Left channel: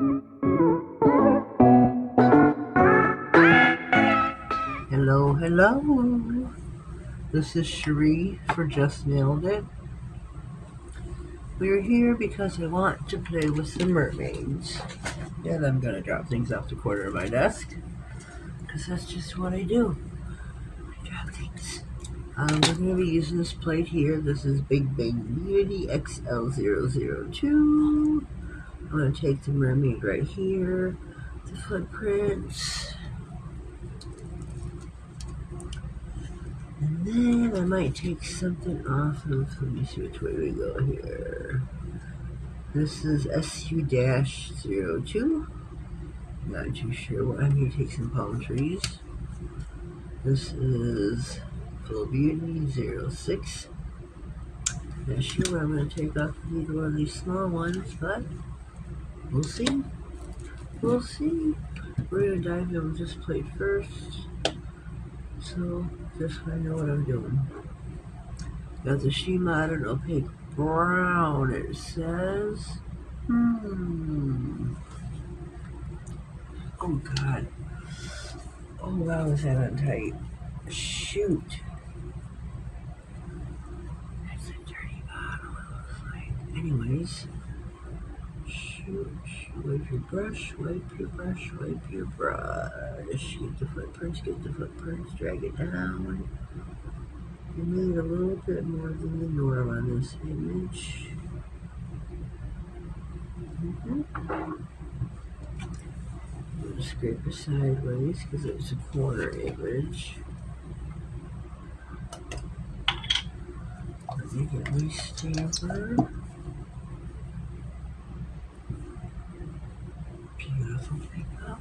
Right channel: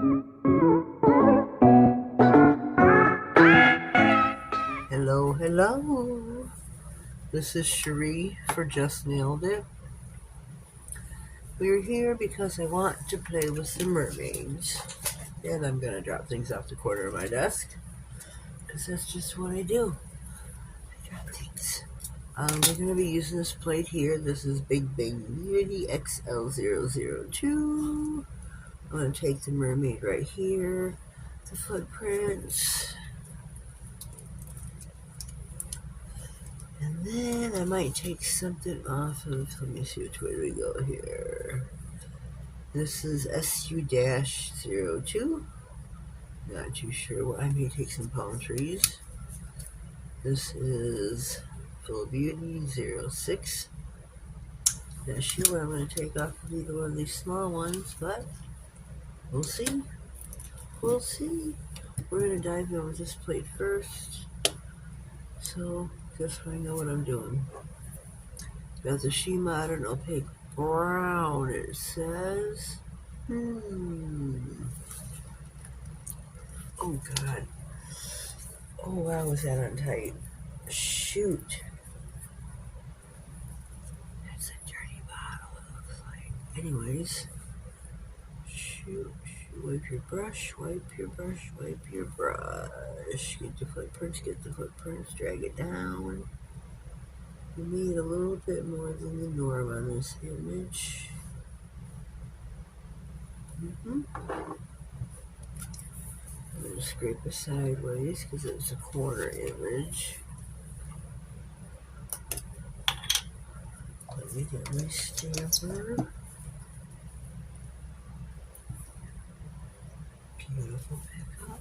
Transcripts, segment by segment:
Hello, hello. This is Cherie for Just Nailed It. We're here because I want to play with some mermaids. And I'm going to drop things off the corner of my desk. Because that's just what I do. I drop things. We're going to be using this plate here. This is Big Bang Beauty XL002. I'm going to take the mermaid right here. The footprints. And then I might take something off of, let me see which way we go here. This is SU-02. Not too sure. I may take some palm trees. This is Full Beauty 06. Not sure what I'm going to take off either one of these small ones, but we'll see. We'll see. We're going to dive in with this plate first. So, just so I know what I'm doing. Got the She Modern Opaque Brown, it says. Oh, God. Oh, wow, is that on tight? Shoot. That's a dirty bottle, it looks like. Anyways. Shoot. Wipe your brush, wipe your brush, wipe your brush. Get the footprints, drag it down. You need a little bit more than the norm on this image. I'm going to scrape it sideways because it's a corner image. Let me get my stamper. Beautiful pickup.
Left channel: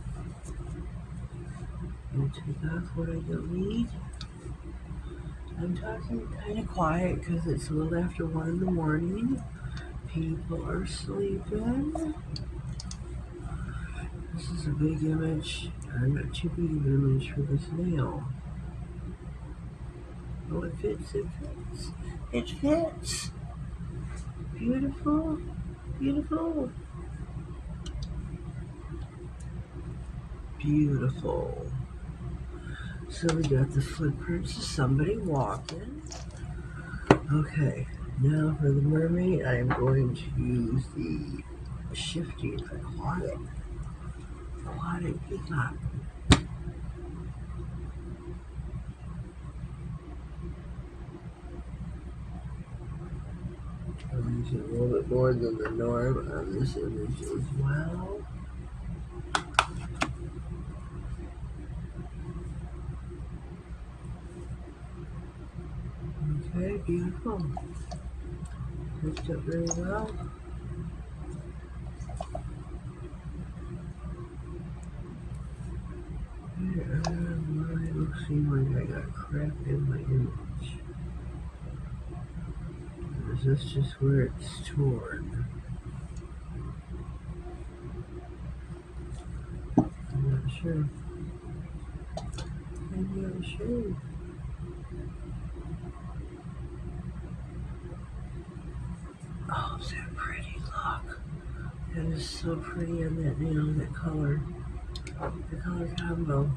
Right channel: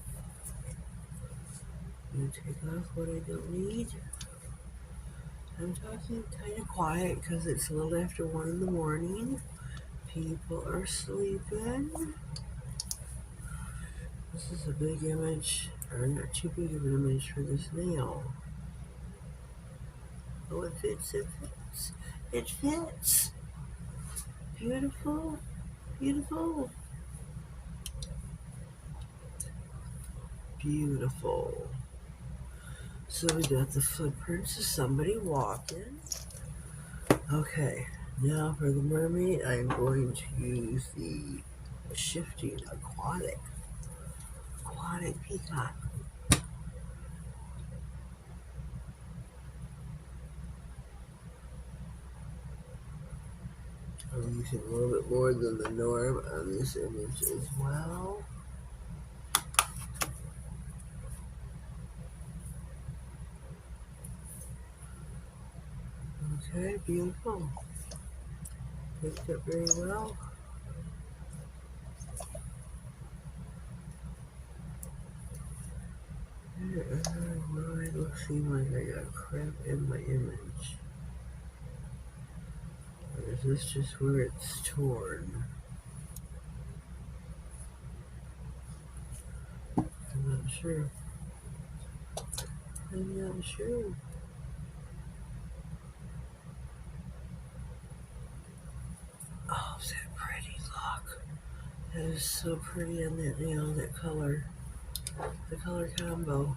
I'm going to take off what I don't need. I'm talking kind of quiet because it's a little after 1 in the morning. People are sleeping. This is a big image, or not too big of an image for this nail. Oh, it fits, it fits. It fits! Beautiful, beautiful. Beautiful. So we got the footprints of somebody walking. Okay, now for the mermaid, I am going to use the shifting aquatic peacock. I'll use it a little bit more than the norm on this image as well. Okay, beautiful. Picked up very well. It looks like I got crap in my image. Or is this just where it's torn? I'm not sure. I'm not sure. Oh, is that pretty? Look. That is so pretty on that nail, that color. The color combo.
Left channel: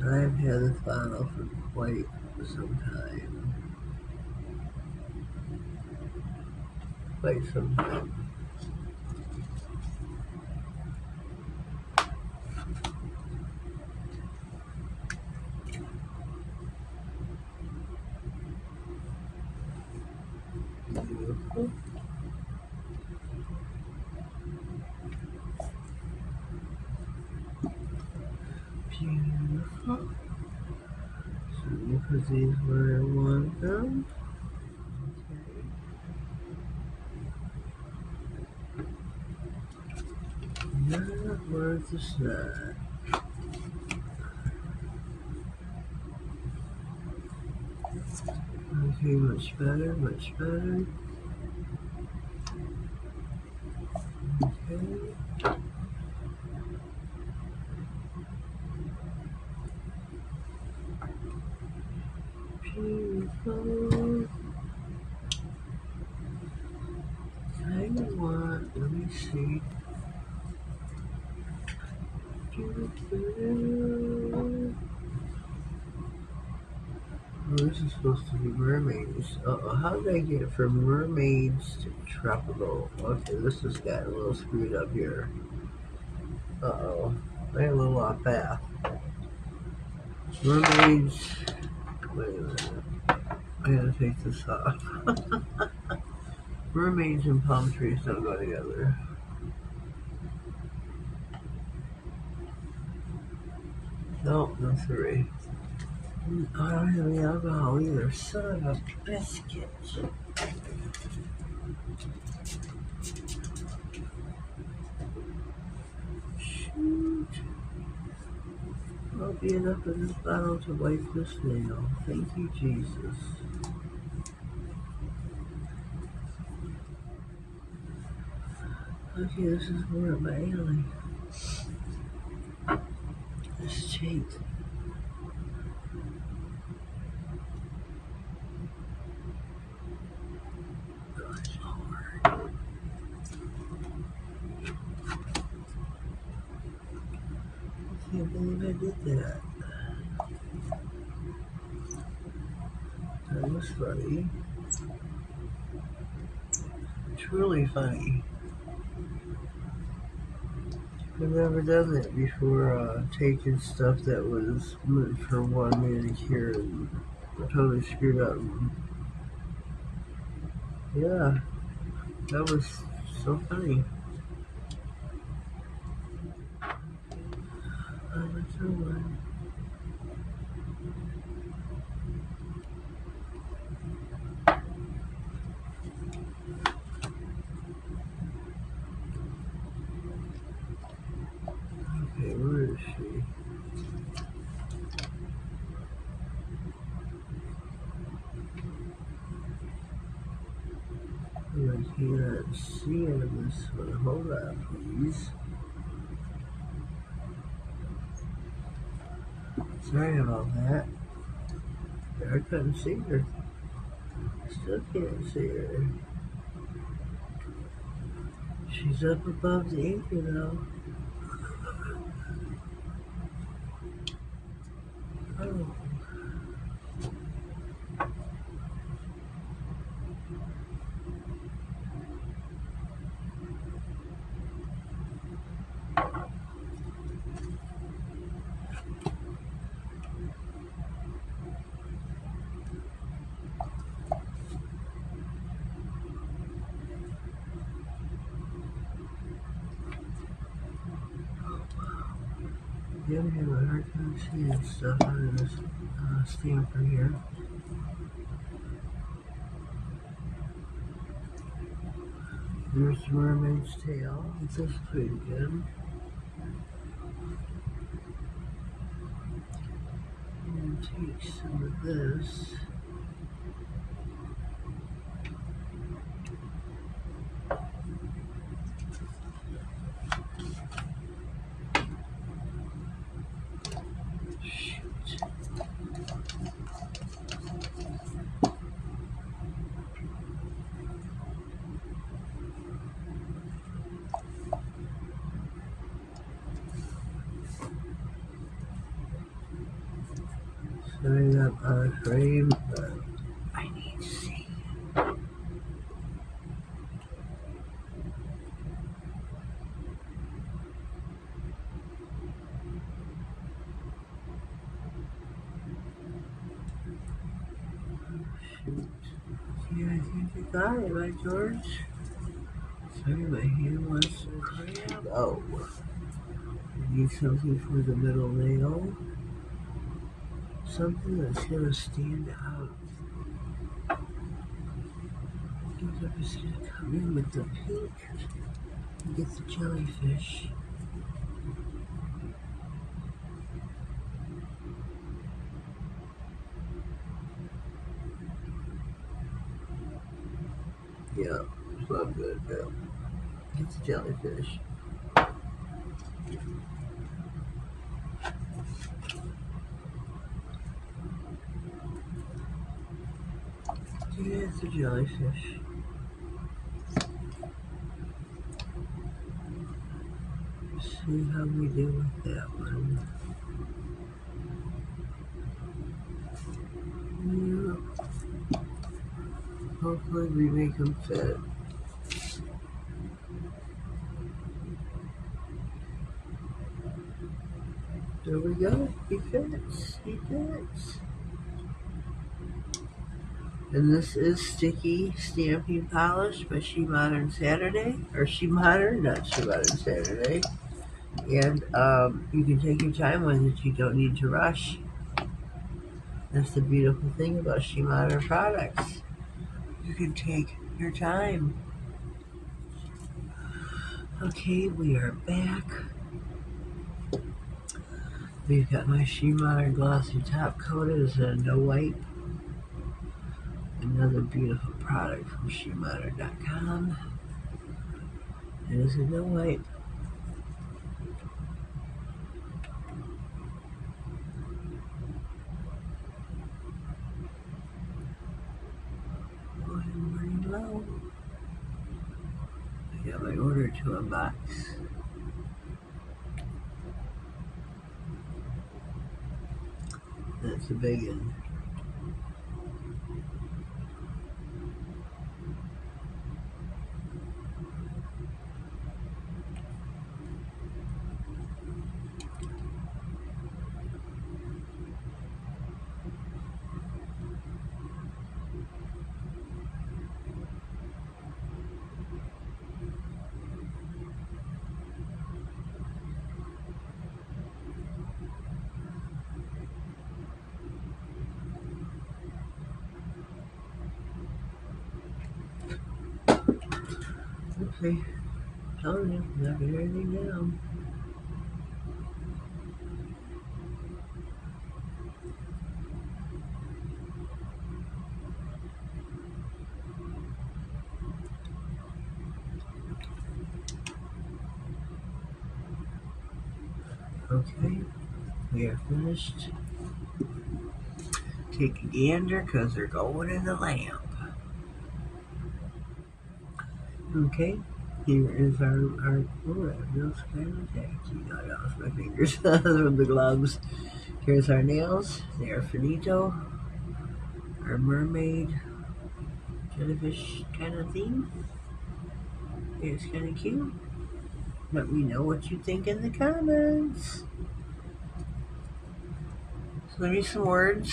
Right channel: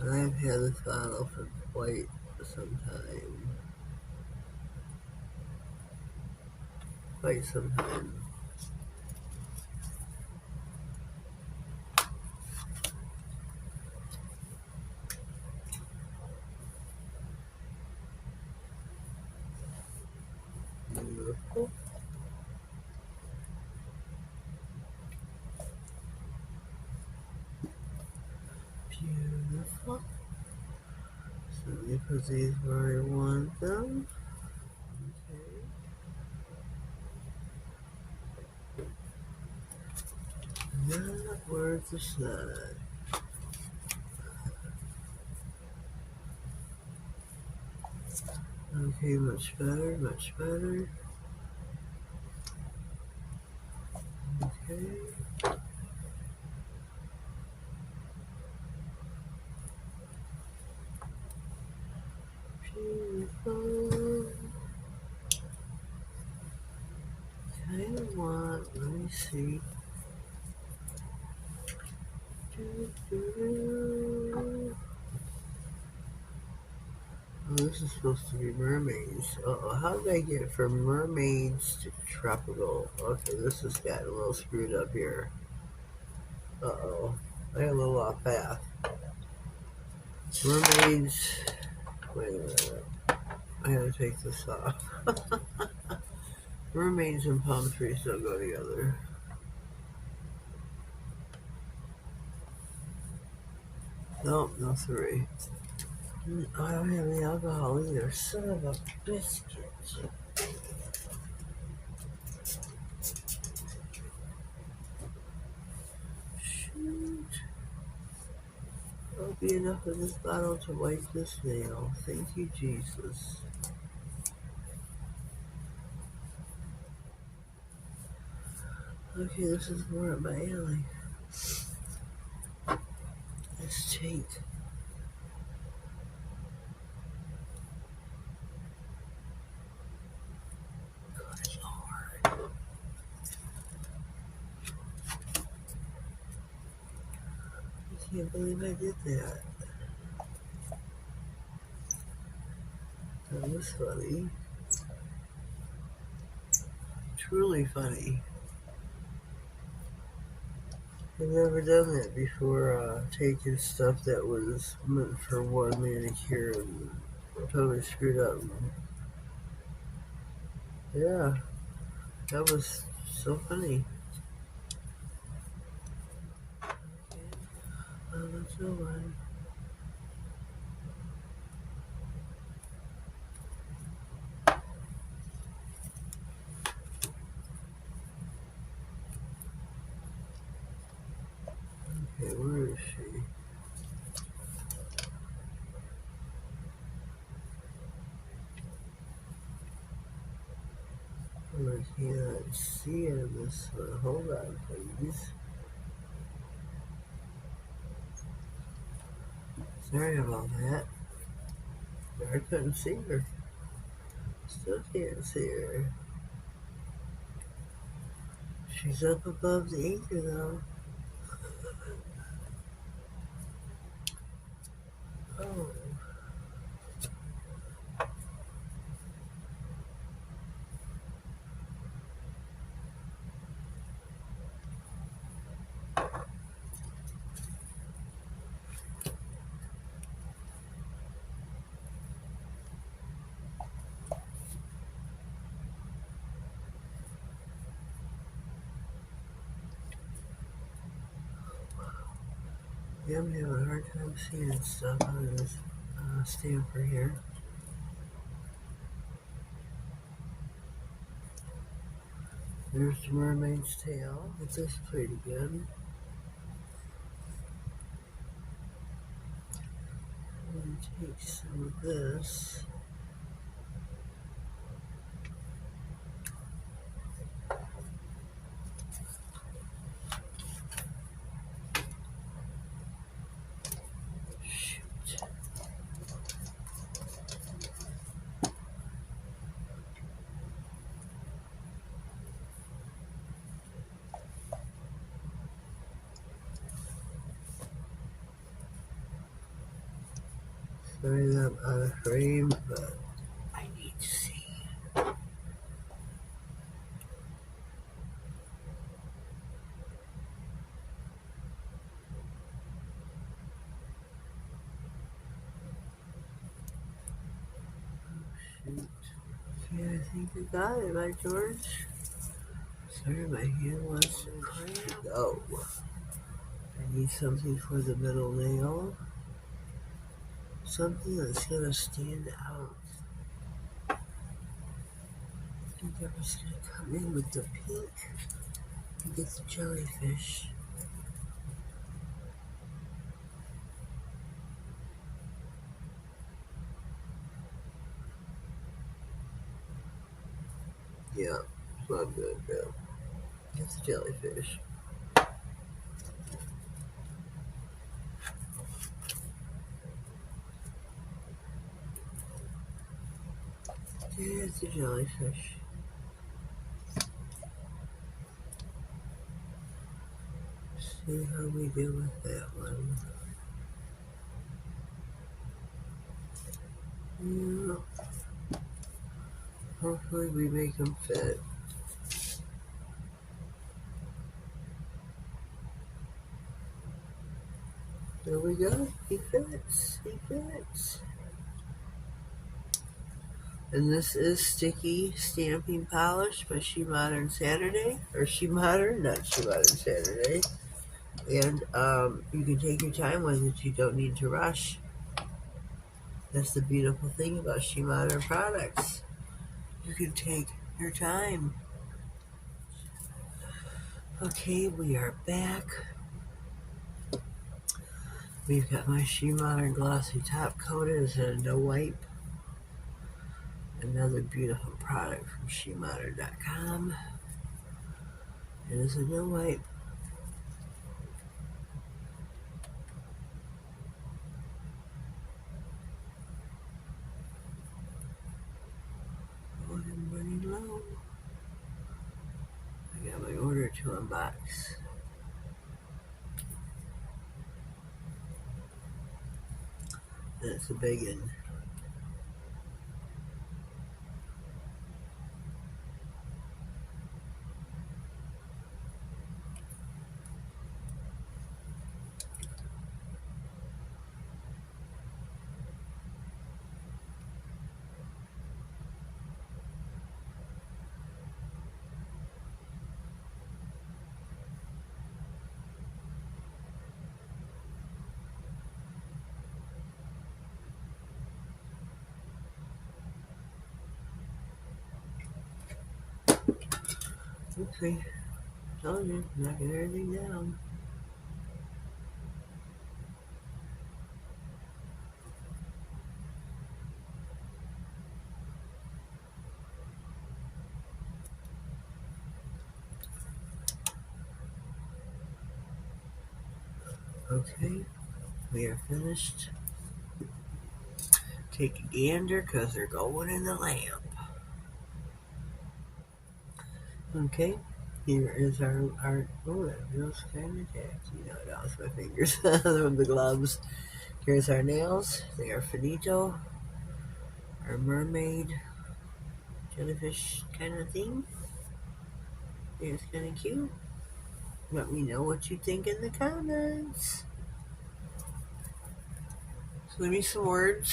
I've had this bottle for quite some time. Quite some time. Beautiful. Beautiful. So let me put these where I want them. Okay. Not worth the snot. Okay, much better, much better. Okay. Beautiful. I want, let me see. see. Oh, this is supposed to be mermaids. Uh-oh, how did I get it from mermaids to tropical? Okay, this has got a little screwed up here. Uh-oh, they're a little off path. Mermaids, wait a minute, I gotta take this off. Mermaids and palm trees don't go together. No, no three. Oh, I don't have any alcohol either. Son of a biscuit. Shoot. There'll be enough of this bottle to wipe this nail. Thank you, Jesus. Okay, this is more of my alley. Let's take. Good Lord. I can't believe I did that. That was funny. Truly funny. I've never done that before, taking stuff that was meant for one manicure and totally screwed up. Yeah, that was so funny. What's the one? Okay, where is she? I cannot see her this one. Hold on, please. Sorry about that. I couldn't see her. Still can't see her. She's up above the anchor though. Oh. Yeah, I'm having a hard time seeing stuff out of this stamper here. There's the mermaid's tail. This is pretty good. I'm gonna take some of this. Shoot. Sorry that I'm out of frame, but I need to see. Shoot. Yeah, I think I got it, right, George? Sorry, my hand wants to cramp. Oh. I need something for the middle nail. Something that's gonna stand out. I think I'm just gonna come in with the pink and get the jellyfish. Yeah, that's what I'm gonna do. Get the jellyfish. Get the jellyfish. see how we do with that one. Yeah. Hopefully we make them fit. There we go. He fits. He fits. And this is Sticky Stamping Polish by She Modern Saturday. Or She Modern, not She Modern Saturday. And you can take your time with it. You don't need to rush. That's the beautiful thing about She Modern products. You can take your time. Okay, we are back. We've got my She Modern Glossy Top Coat as a no wipe. Another beautiful product from SheModern.com. It is a no wipe. Oh, I'm running low. I got my order to unbox. That's a big one. Oopsie. Told you, not get anything down. Okay, we are finished. Take a gander because they're going in the lamp. Okay, here is our oh, that nails kind of tacky. No, no, it's my fingers from the gloves. Here's our nails. They are finito. Our mermaid jellyfish kind of theme. It's kind of cute. Let me know what you think in the comments. So leave me some words.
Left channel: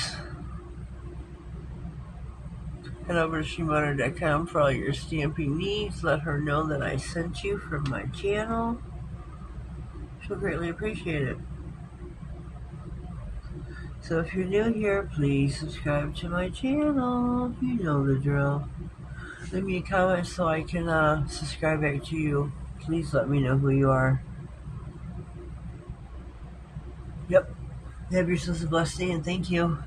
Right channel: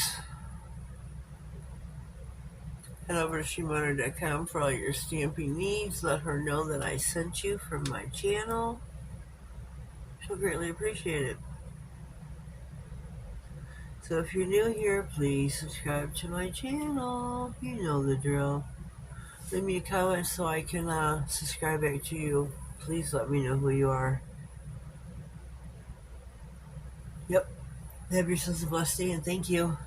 Head over to SheModern.com for all your stamping needs. Let her know that I sent you from my channel. She'll greatly appreciate it. So if you're new here, please subscribe to my channel. You know the drill. Leave me a comment so I can subscribe back to you. Please let me know who you are. Yep. Have yourselves a blessed day and thank you.